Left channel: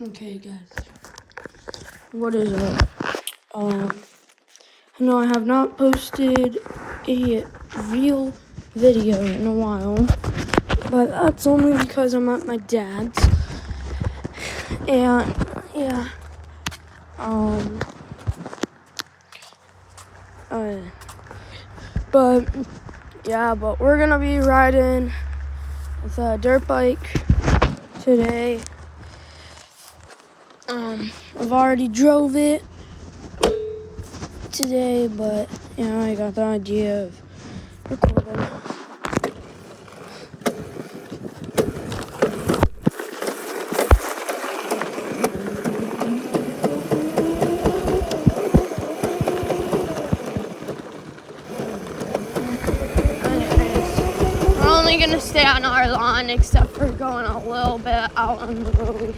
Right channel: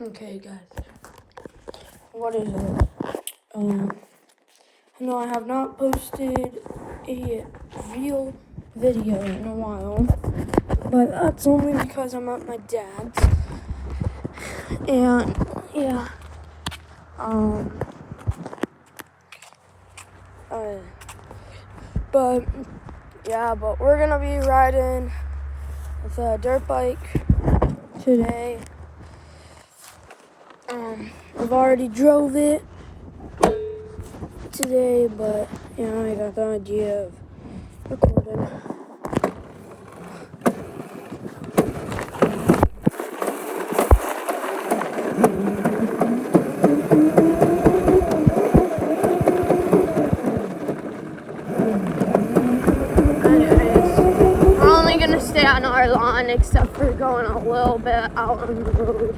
Okay, guys. What is it? No, I have not posted a real video in a while, but that's only because I'm at my dad's. And yeah, but we're gonna be riding with a dirt bike today. I've already drove it today, but I got the idea of recording. Anyways, we're only gonna stay on our lawn except for going a little bit out on the road.